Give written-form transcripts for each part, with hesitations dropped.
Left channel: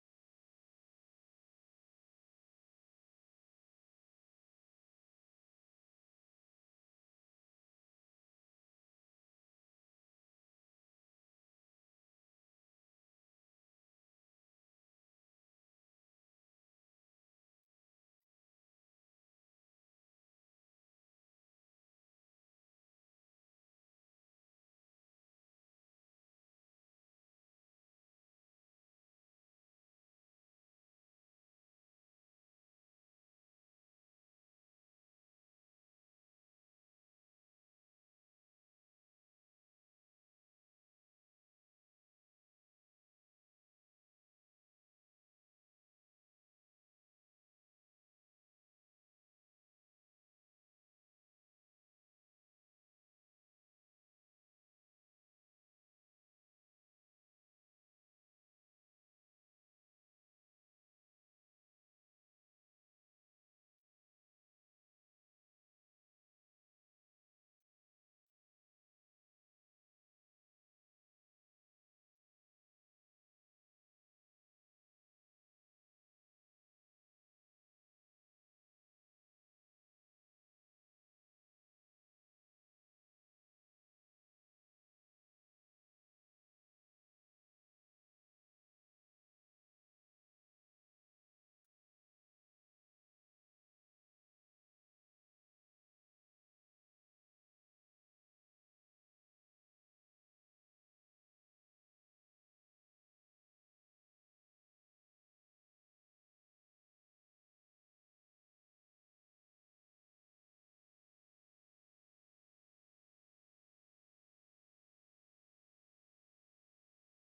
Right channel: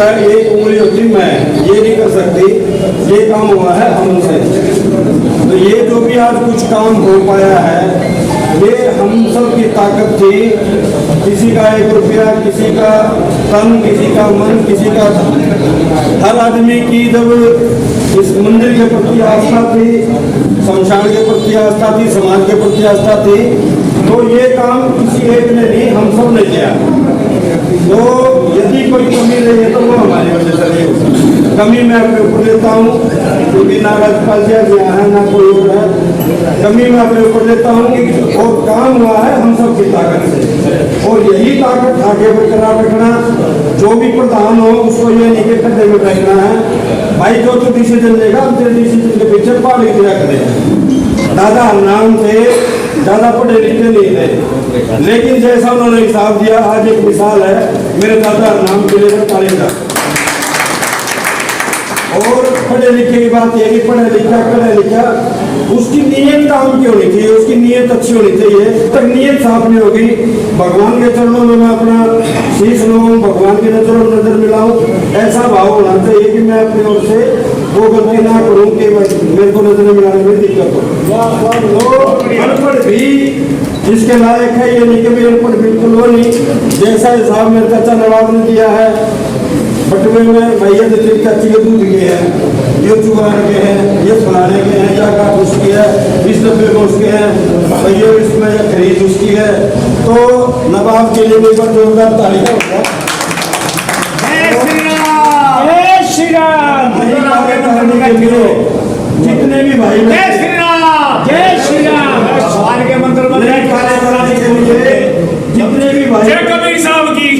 अंदर एक उंगली होती मैं ये नहीं कर सकती, ये काम हुआ है हमसे। तो ये जो भी आज कुछ काम हो पाया है ये हम सब की ताकत थी। किसी का 1 रुपया, किसी का तन, किसी का मन, किसी का धन। हर आदमी की जब इस मंदिर के प्रति आस्था थी, शमशान के प्रति आस्था थी, समाज के प्रति आस्था थी, तो ये काम किसी एक ने नहीं, हम सब ने किया। तो यदि कोई कमी रही है तो वो हमारी वजह से नहीं हो। कमी मैं अपने ऊपर लेता हूँ, क्योंकि ना राज्यपाल जी यहाँ है ना कोई और है। कमी मैं अपने ऊपर लेता हूँ और काम हुआ है हम सब की ताकत से, और यही ताकत आगे बरकरार रखना। जो भी प्रधान हो उसको ये नहीं कि खड्डे में फेंकना है। भाई जो तो डिसीजन लेगा हम तेरे डिसीजन के पीछे पाली दिया करें। दादा नाम थे, ज़्यादा पढ़े लिखे नहीं थे, लेकिन जैसा उन्होंने हिसाब दिया, आज एक मिसाल है, मेरे दादा नाम के लिए तालीमदार। और पढ़े लिखे की बात यह कि पढ़ा लिखा उसकी नीयत काम की होनी चाहिए, उसकी नीयत अच्छी होनी चाहिए। तक नीयत साफ नहीं होगी, भगवान के चरणों में मैं अपना शीश लूँ, भगवान की नजरों में नजर मिलाऊं, ऐसा भाव होना चाहिए कि मैं अपनी ओर से वो गलती ना करूं कि मेरे को नजर मिलाने में दिक्कत हो। अनपढ़ भी जिसके लायक है, ये नहीं कि भी अनपढ़ बिल्कुल वो नहीं। जैसा हिसाब मेरे चाचा नवाब ने दिया है, बटवे में भैया दिल्ली चाची के दूध के हैं, ये चुगाने के हैं, ये फलाने के हैं, या काट उसकी है, इस डब्बे में उसके हैं, भैया इसमें या खरीद उसकी है। तो नवाब के लिए एक बार जोरदार तालियां हो गया। जितने भी भाई जय श्री राम, जय श्री राम, भगवान के मंत्र बनाने के लिए जितने भी भाई, जय कबीर साहब की,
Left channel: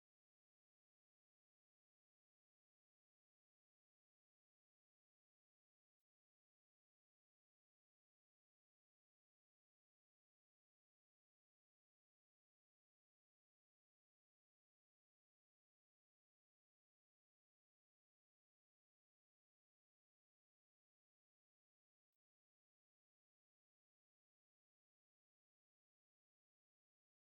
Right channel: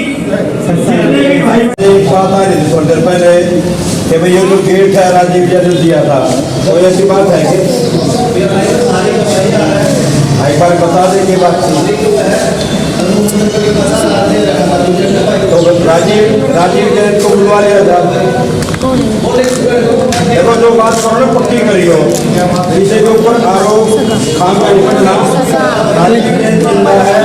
जितने भी भाई। एक बात आ रही थी थोड़ी देर पहले कि भाई ये जो गेट है राजीव जी ने दिया था, तो ऐसी बात है कि एक बार बता दें कि बात तो राजीव जैन को बुलवा लिया जाता। देखो जो बात करो ना पक्की करी हो, इसे के ऊपर आरोप काम का निपटना राजीव जैन जिंदा है।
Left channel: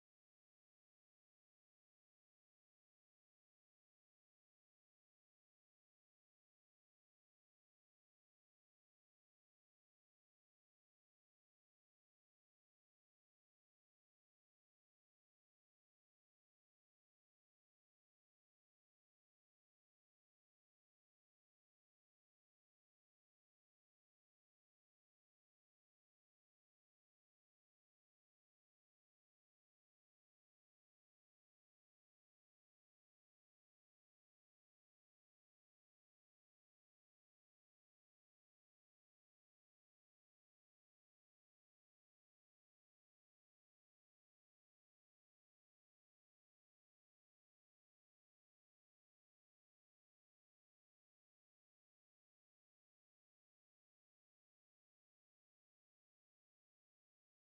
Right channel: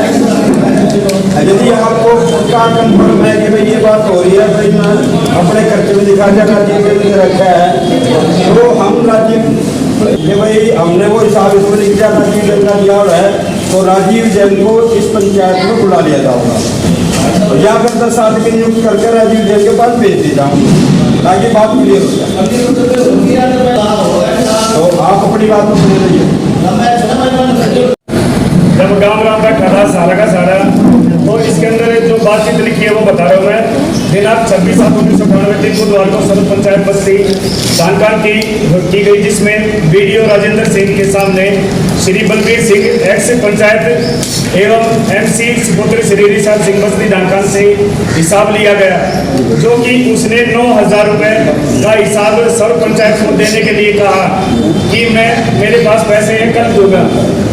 यदि आपको पक्का कंफर्म है कि भाई ये बात हो रही है, भाई मैं अपने खर्चे में दिखा जा राजीव जैन ने रखा है, तो हम राजीव कि भाई हमने वो हिसाब इसमें लिख दिया राजीव जैन का दिया है, तो राजीव जैन को इस पंचायत में बुला लिया जाऊंगा या फिर 10 आदमी नियुक्त करके राजीव जैन के पास भेज दी जाऊंगा ताकि बात क्लियर हो जाए। तो आप अपनी बात को सुन लीजिए। जब गाँव का खड़ा सारा का सारा, तो इसके अंदर जो बातचीत लिखी है वो बता रहा हूँ मैं। दिनांक 26/7/1998 दिन बुधवार को सदर पंचायत बस्ती जानकार की गई, जिसमें बीडीओ राजेंद्र सिंह के सामने श्री बलबीर सिंह एक्स पंचायत एवं एमसी सुपुत्र श्री ऋषभ सिंह बस्ती जानकार से हिसाब लिया गया, जो कि उसने 9,000 रुपये का हिसाब सर्व पंचायत को देने के लिए कहा कि मेरे पास पैसे हैं कल दूंगा,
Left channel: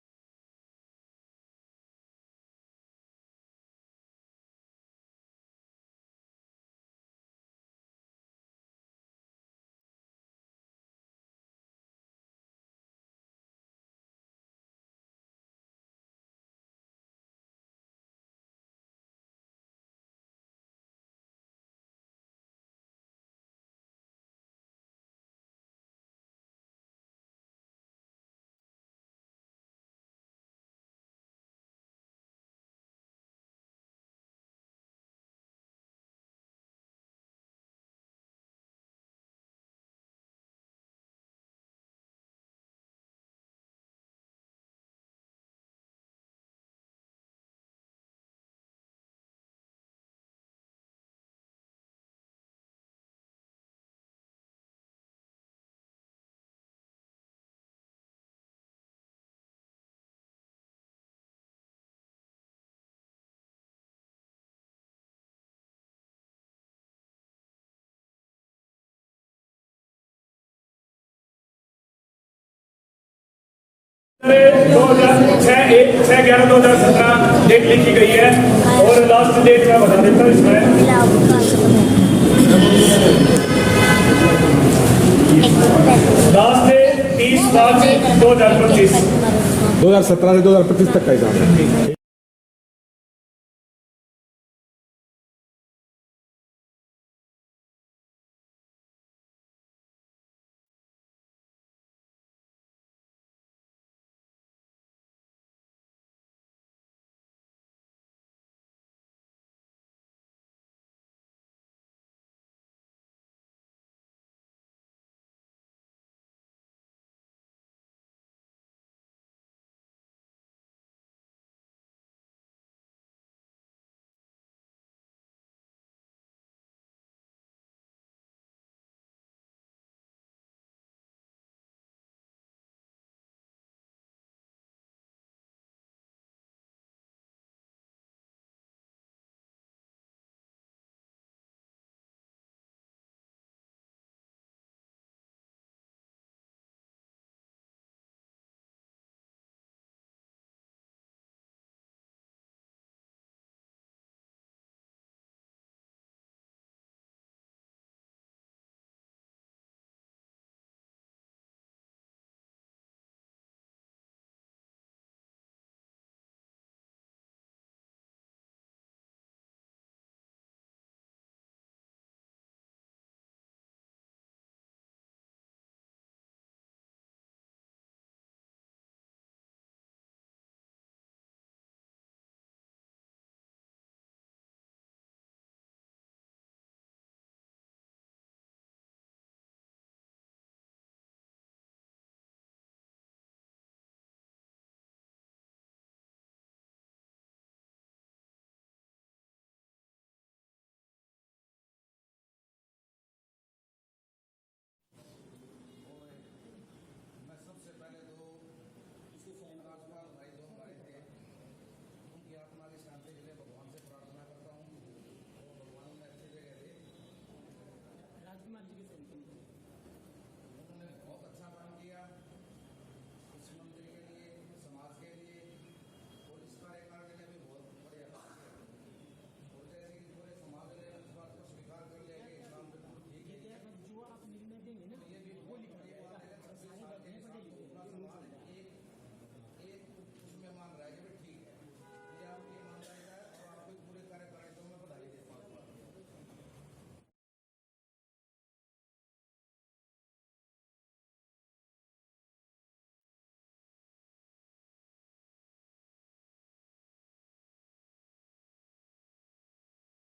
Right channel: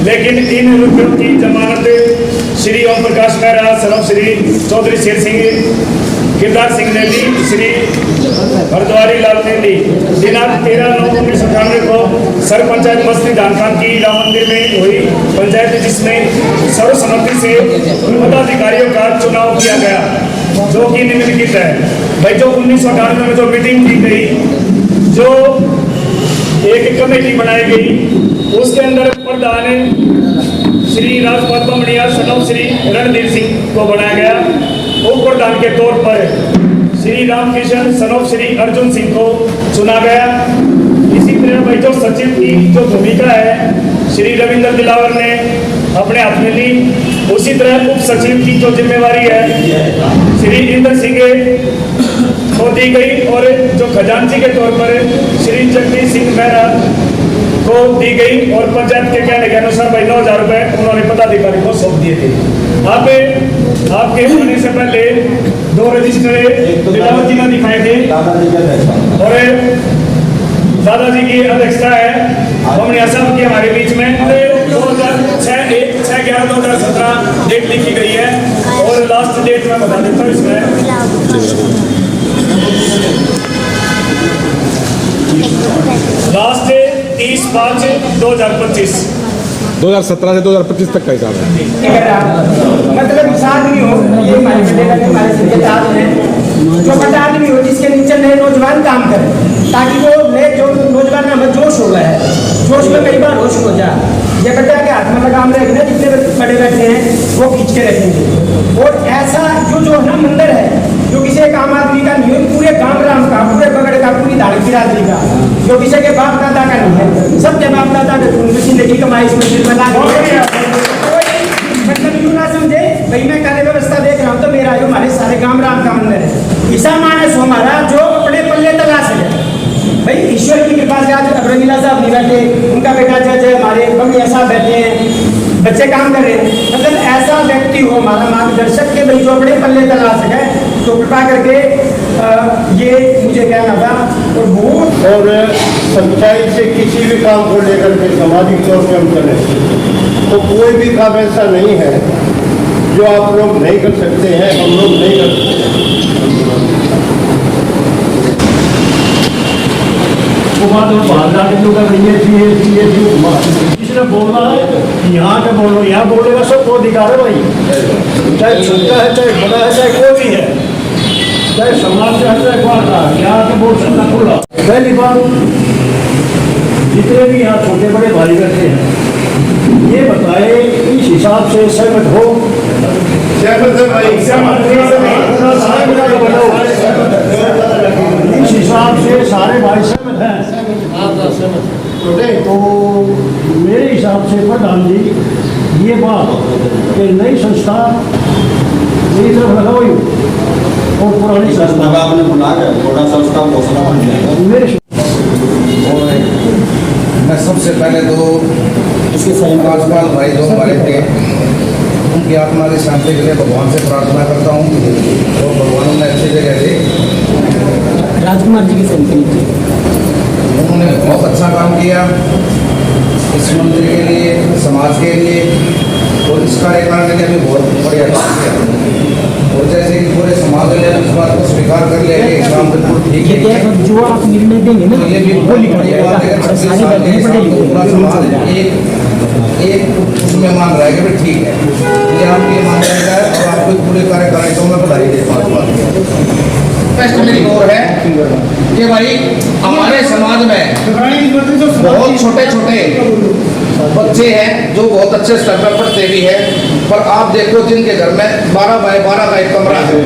लेकिन इन रुपयों की जमानत श्री ओम प्रकाश मेहरा, सरव श्री चौधरी शेर सिंह गिरदार सिंह ने ली, श्री हरद्वारी लाल ने ली। दिनांक 13/9/1998 को सर पंचायत बस्ती धानखान की राम मंदिर में हुई पंचायत, जिसमें सर्वसम्मति से पदाधिकारियों का चुनाव किया गया, जो कि निम्नलिखित है। भाई जो 1998 में जो मीटिंग की गई, जो एक कमेटी बनाई गई, उसके अंदर प्रधान श्री राजपाल बमड़िया सनव श्री रणधीर सिंह को बनाया गया। उप प्रधान के तौर पर श्री रामकिशन सनव श्री अर्जुन सिंह को चुना गया। इसी तरह भाई जो सचिव की जो भूमिका है श्री रविंद्र दिलावर ने अपने हाथ में ली। उसी तरह उप सचिव की जो जिम्मेवारी है श्री इंद्र सिंह को दी गई, और जो खजांची के तौर पर श्री जगदीश सिंह मेहरा को दी गई, और पंचायत के कहने के अनुसार भाई 9,000 रुपये उन्होंने पदाधिकारी को सौंप दिए थे। आपके होने से पहले 2 रजिस्टर दिलावर जी ने दिखाए थे, और दादाजी की अध्यक्षता है बमड़िया साहब की हमारे बीच में। 6/11/2017 डेट लिखी गई है, और लास्ट डेट मैं बता देता हूँ इसमें। लास्ट 30/5/2025 2017 से 2025 तक का हिसाब है। मतलब आदमी हो, ये हमारे बेटे का हमारे सिर के ताज है, जो बड़ा आदमी हो जिसके नीचे नए नौजवान काम करें, ताकि वो नए जो नौजवान में जोश हो गया है, जोश में कई बार होश हो जाए। ये बेटा के हाथ में लगाम रखना, जितने बड़े बैठे हैं वो खींच के रखेंगे। और ऐसा जो है ना मंदिर है, जो किसी एक आम आदमी का नहीं है, पूरे गांव राम का, पूरे बगड़ का, पूरी धाड़ी बिरादरी का, जो किसी के बाप दादा का नहीं है, सबके बाप दादा के खून में जिंदगी कमाई इस मंदिर में लगा। मतलब यूं ना समझे भाई मैं कार्य व्यवस्था देख रहा हूँ तो मेरा जो हमारे सारे गांव राम का मंदिर है, ईसा मानस हमारा जो अपने पल्ले तलाश है भाई, ईश्वर की कृपा से आज अब्रमीला साहब नहीं बैठे, उनका बेटा जज है, हमारे बमिया साहब बैठे हैं, बच्चे काम कर रहे हैं। मतलब ऐसा व्यक्ति हो हमारा मार्गदर्शक के भाई जो अपने पल्ले तलाश है, तो कृपा करके ये मुझे कहना था। और बहुत और सच्चाई से किसी भी काम को लेकर के सामाजिक तौर पर हम चले तो कोई भी काम ऐसा नहीं है जो आप लोग नहीं कर सकते हैं, हम लोग नहीं कर सकते। किसी ने बोलना है यहाँ के बोलो, यहाँ बोलेगा सबको अधिकार है भाई, चाहे छोटा है चाहे बड़ा है चाहे कोई भी है, चाहे समाज से है चाहे कौन का, यहाँ के बोल सकता खुला। पहली बात, जितने भी यहाँ छोटे बड़े भाई बैठे हैं ये बताए इस हिसाब से सहमत हो, इस हिसाब से सारे भाई सहमत हैं। तो मेरे हिसाब से प्रधान जी ये बात कि नई संस्था मेरी तरफ लगा हुई और पुरानी संस्था आपने बुला कर थोड़ा सा उसका हौसला बन जाएगा। मेरे मैं सबसे पहले तो राजपाल भाई जो हमारे थे उनकी आत्मा की शांति के लिए भगवान से प्रार्थना करता हूँ और भगवान उन्हें अच्छी जगह दे। राजकुमार जी की संपत्ति उन्होंने बहुत अच्छा काम किया इस मंदिर के लिए, समाज के लिए और इस कार्यकाल के लिए भी बहुत बढ़िया काम किया। और जैसे कि पूरे समाज ने इस बात को स्वीकार कर लिया कि काम बिल्कुल ठीक है, जो आप निर्णय देंगे ना तो ये भी वो लिखा जाएगा। सारी बातें पढ़े लिखे पूरा समाज एक उसमें मान रहा है कि भाई ठीक है, ये आपकी मान जाएगा और आपको पूरे कार्यकारिणी को मैं बधाई देता हूँ। बेस्ट मेरी और है कि भाई हमारे समाज में बहुत छोटे छोटे बच्चे हैं जो बहुत अच्छे स्तर पर पढ़ते भी हैं, पर आप देखो जिनके घर में 12 बाय 12 का एक कमरा है,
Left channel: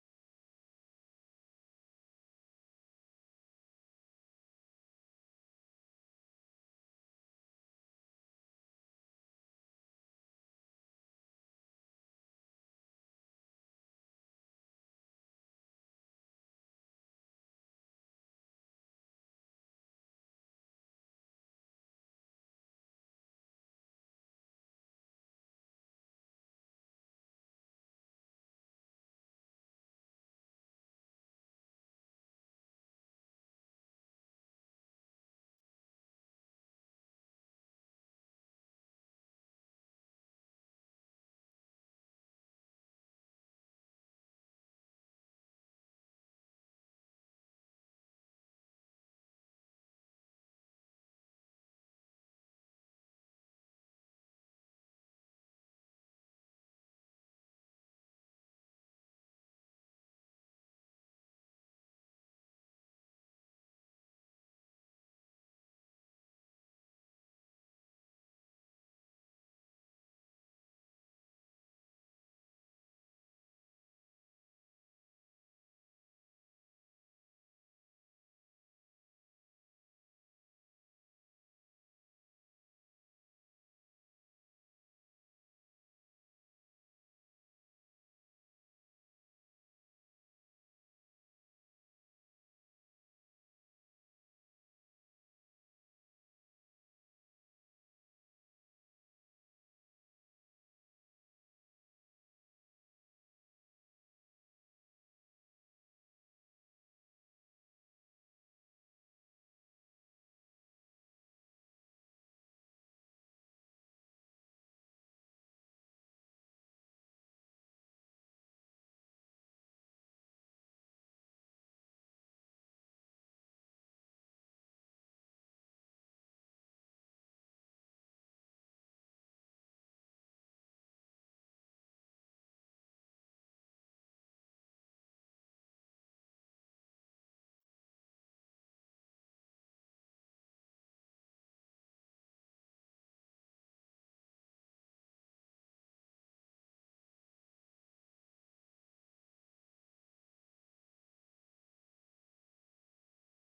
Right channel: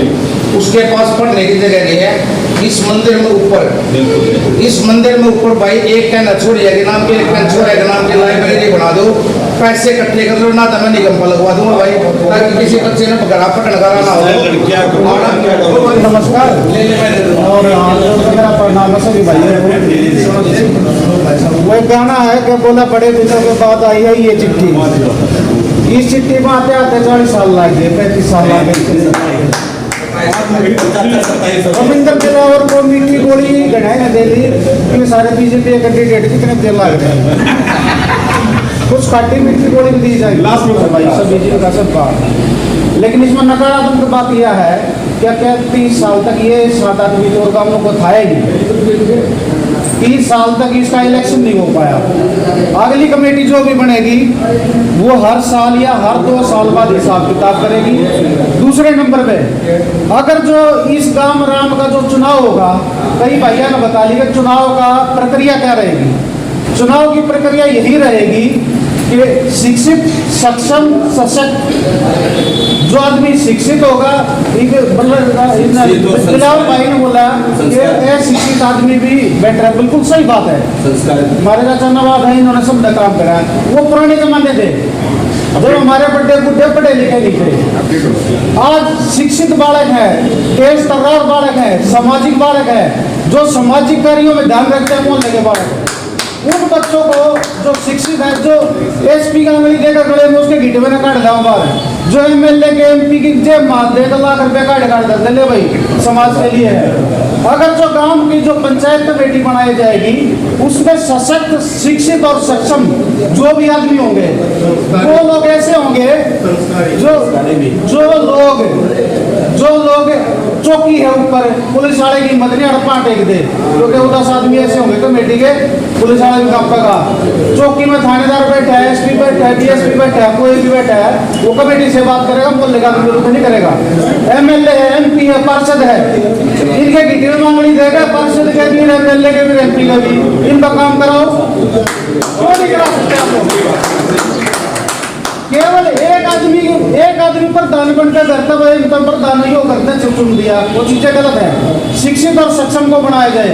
उसके पास पढ़ने की जगह नहीं है। इस मंदिर में ऊपर भाई एक कहना छोड़िए के नाम के, एक छोड़िए के नाम की लाइब्रेरी बना दो, पैसे इकट्ठे कर दो ना, तो मैं निगम लगवा दूंगा भाई, ताकि किसी बच्चे ने घर पकड़ कराना हो। नमस्कार और मेरा प्रणाम सभी भाइयों। वो कहना है कि बोला बड़े दिनों के बाद आई है ये चिट्ठी, इस चिट्ठी में आते आते 40 साल लग गए, 35 साल लग गए। रविंद्र दिलावर को मीठी गोली गढ़ाई ने दे दी कि सारे बीजेपी कैंडिडेट कितने देर लग रहे हैं, कुछ खाटी मीठी गोली भी दी जाएगी लास्ट में भाई सब बीजेपी का सब बात। लेकिन इसमें नकारात्मक बात यह है क्या 30 साल तक ये 7-8 बीच और गांवों को था ही नहीं, 30 साल तक इसका इलेक्शन नहीं हो पाया। अगली कमेटी जो भी बनेगी वो हर साल या हर 2 साल बाद हिसाब किताब करेगी। दूसरे नंबर पे अगर जो इस गांव राम का जो चुनाव होगा, कई भैया ने बता लिया चुनाव का प्रक्रिया क्या रहेगी। चुनाव की प्रक्रिया यही रहेगी कि शिक्षित, सक्षम, सशक्त जो आदमी शिक्षित होगा, बिलावल भाई ने बोला कि शिक्षित आदमी भी बेटर है, बिल्कुल सही बात है। हमारे चाचा नवाब है, इन्होंने सब काम करा, वो पुराने जमाने थे जब हमारे बड़े बुढ़े पढ़े लिखे नहीं थे। आज शिक्षित बालक है, तेज तर्रार बालक है, सामाजिक बालक है, जो सामाजिक कार्यों में ध्यान रखते हैं मोहल्ले के बालक है। उन बच्चों को जो शिक्षित है, जो एसपी का अंगली देकर गले में उसके घीटे में काट दाओ बार, जो एमएलए के एमपी की जेब मार देकर ₹1,00,000 काट दे ले भाई समाज के लिए है। अगर जो गांव की जो पंचायत कमेटी बनाई जाएगी उसमें सशक्त, शिक्षित और सक्षम जो भी आदमी होंगे वो लोग ऐसे होंगे जो लोग चौकी है ऊपर पुलिस वाले की मदद नहीं हड़पा टेक दे, क्योंकि 10 आदमी ऐसे होंगे कमेटी के, पुलिस वाले भी काम का चौकी में थानेदार बैठा है, एसपी बैठा है, डीएसपी बैठा है, कोई भी बैठा है, वो कमेटी से बात करेगा, मोहल्ले का विरोध नहीं करेगा। एमएलए है, एमपी है, पार्षद है, इनके डिटेल मांगनी देगा, पार्षद के भी, एमएलए के भी, एमपी का भी, इनका काम कराओ। क्यों नहीं करा सकते आप लोग? केवल एक आदमी प्रधान बनकर करता है, इनका प्रधान नहीं हो करते चुन दिया, वो चीजें गलत है। शिक्षित और सक्षम को बनाया जाए।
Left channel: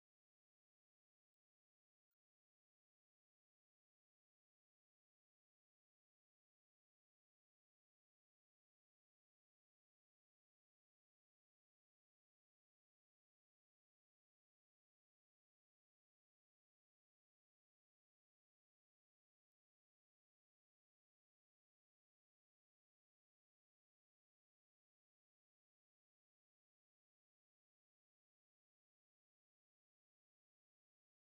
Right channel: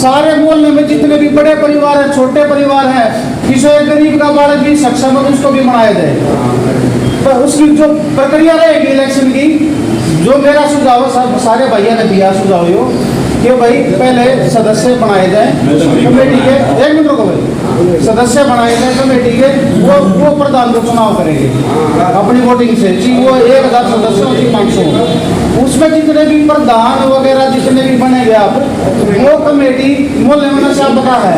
सारे मोहल्ले में जितने भी बड़े परिवार हैं, छोटे परिवार हैं, किसी एक गरीब का बालक भी सक्षम है, उसको भी बनाया जाए। तो उसकी जो प्रक्रिया रहेगी इलेक्शन की, जो मेरा सुझाव सारे भैया ने दिया सुझाव यो कि भाई पहले सदस्य बनाए जाए कमेटी के, एक मिनट रुको भाई, सदस्य बनाए जाए कमेटी के, वो प्रधान को चुनाव करेंगे अपनी वोटिंग से, जी वो 1000 सदस्य होती 500, उसमें जितने भी प्रधान वगैरह जितने भी बनेंगे आप, वो कमेटी मोहल्ले में नशा पता है,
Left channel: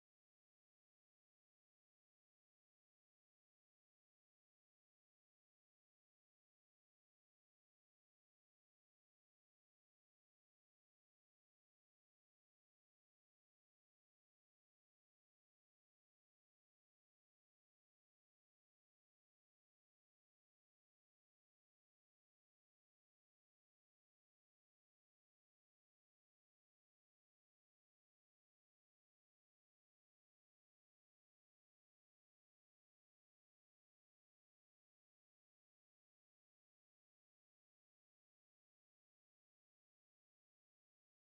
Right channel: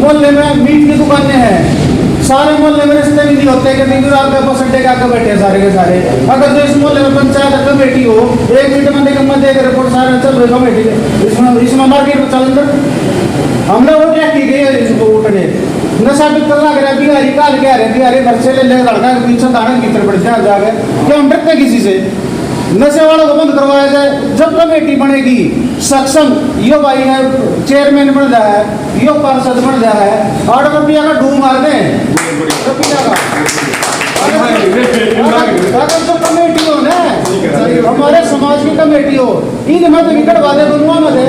मोहल्ले में मीट की दुकानें हैं, सारे मोहल्ले में रिश्ते भी नहीं होते कि आपके बस अड्डे के आगे बैठे सारे के सारे। अगर जो इस मोहल्ले में पंचायत कमेटी हो, 1 मिनट में निगम में देकर रिपोर्ट सारे चल रही कमेटी, इसमें मार्केट में चल हमने वो क्या की गई है, इसको उठने नशा भी कर लग रहा है, बिहारी काल कह रहे बिहारी घर से ले लड़का के पीछे दाना की तरफ बढ़ते जाके, क्या हम डरते किसी से? नशे वालों को बंद करवाया जाए। जब कमेटी बनेगी सक्षम, यो भाई है चेयरमैन बन रहा है, यो पार्षद बन रहा है, 8 रुपया का ढूंढ मार दें रुपया का। अगर जो कमेटी हो ना, हमारे समाज की कमेटी हो, इन मत विकट वाले दोनों मत है,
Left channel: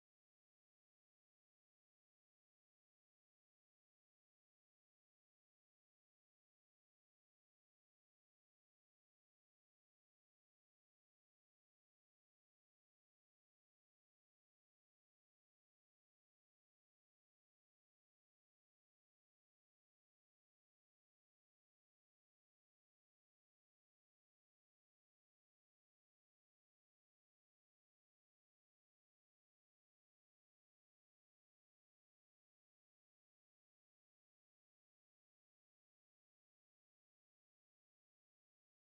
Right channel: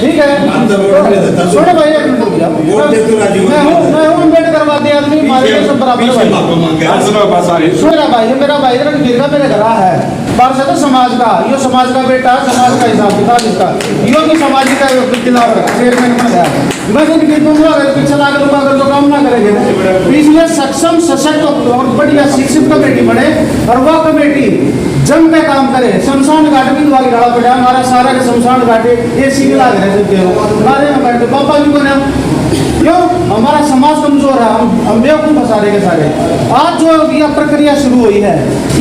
ठीक है? छोड़े भाई एक मिनट, मैं हूँ अम्बेडकर वादी आदमी, हमारे लिए सब बराबर भाई, मेरा भाई गिरगा मेरे घर है, पार्षद समाज का, यो समाज का बेटा, समाज का हिसाब किताब इसका, यो भी समाज का चेयरमैन बन गया। मैं इनकी दूंगा अगर पीछे लाग लूंगा, अगर तो काम ना करेंगे। इसलिए सक्षम सशक्त और बढ़िया शिक्षित कमेटी बने, और वह कमेटी जम पे काम करे। शमशान घाट भी दुआ डाला पड़ा, हमारा सारा के शमशान घाटे एसी लगा रहे हमारे में बैठे पापा भी बने, क्यों? हमारा समाज कमजोर है, हम बेवकूफ सारे के सारे। आज जो यह प्रक्रिया शुरू हुई है,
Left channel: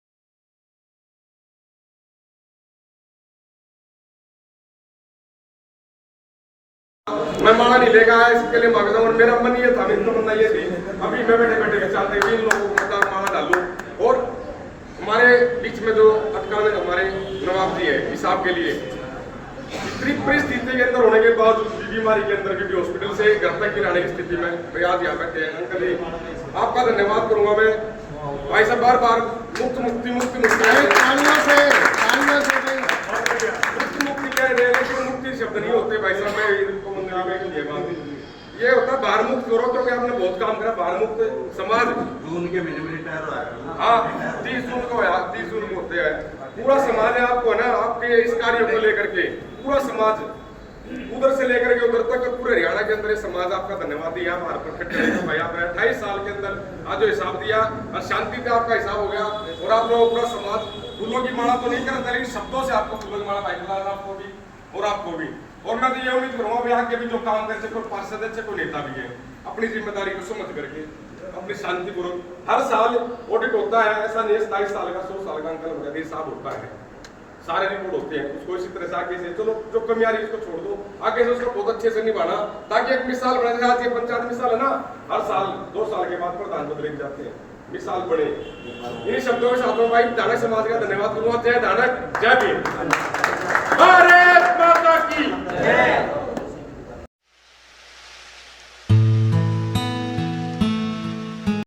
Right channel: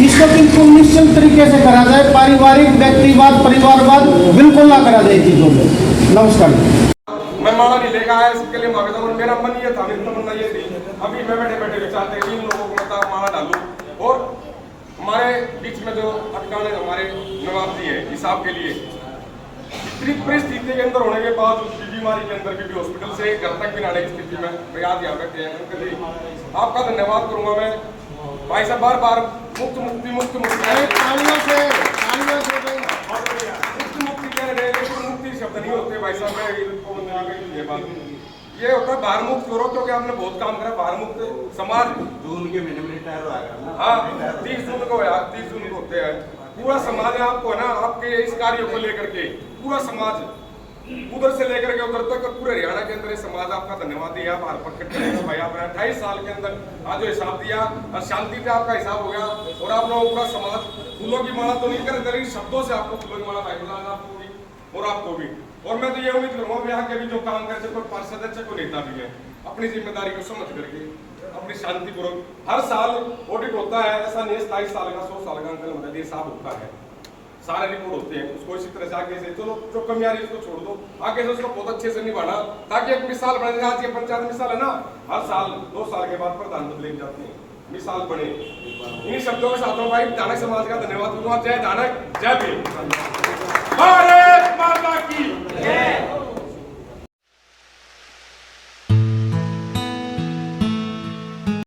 इसको बिल्कुल निश्चित तरीके से करा जाए, पारिवारिक व्यक्तिवाद परिवारवाद बिल्कुल ना करा जाए चीजों में। नमस्कार। मैं माला नहीं लेकर आया, इसके लिए मांगता हूँ। मेरा मन ये था, मेरी तमन्ना ये थी, अभी मैं बैठे बैठे विचार थे इन लोगों को मतलब माला डालूं, और हमारे बीच में जो अटकाने हमारे नवाब जी है हिसाब के लिए, इतनी परिस्थिति के अंदर होने के बावजूद बीमारी के अंदर भी हॉस्पिटल से घर तक भी आने की स्थिति में प्रयास यहाँ रखते हैं। अंकल जी आपका धन्यवाद करूंगा मैं। भाई साहब बार बार मुक्त मुक्ति कह रहे हैं, लेकिन मुक्ति शब्द नहीं होते भाई साहब। मैं इनको ये होता है बाहर मुक्त करो, क्योंकि आपने बहुत काम करा बाहर मुक्त समाज। जून के महीने में रिटायर हो गया। हाँ 30 जून को यार, 30 जून को होते हैं। पूरा समाज है आपको है ना, आपके इस कार्य को लेकर के पूरा समाज उधर से लेकर के उधर तक पूरे हरियाणा के अंदर ये समाज आपका धन्यवाद दिया। आप हर पक्ष भाई आपने 28 साल के अंदर आज जो हिसाब दिया, और शांति पे आपका हिसाब हो गया, और आप लोगों का समाज फूलों की माला तो नहीं करते, लेकिन शब्दों से आपको फूलों की माला भाई आपको भी और आपको भी। और मैं तो ये उम्मीद करूंगा यहाँ के भी जो काम करते कोई पार्षद है, कोई नेता भी है, अपनी जिम्मेदारी को समझ करके अपनी शांतिपूर्वक हर साल ऑडिट होता है। ऐसा नहीं है 27 साल का 100 साल का अंकल मेरे साथ होता है, सारे रिपोर्ट होते हैं। उसको इसी तरह से आगे से चलो जो कमी आ रही है उसको छोड़ दो, आगे से उसको बहुत अच्छे से निभाना, ताकि एक मिसाल बन जाए। आज ये पंचायत मिसाल है ना, हर साल 2 साल के बाद प्रधान बदले जाते हैं, मिसाल बने। इन्हीं शब्दों के साथ भाई धानक समाज का धन्यवाद करूंगा। जय धानक, जय भीम।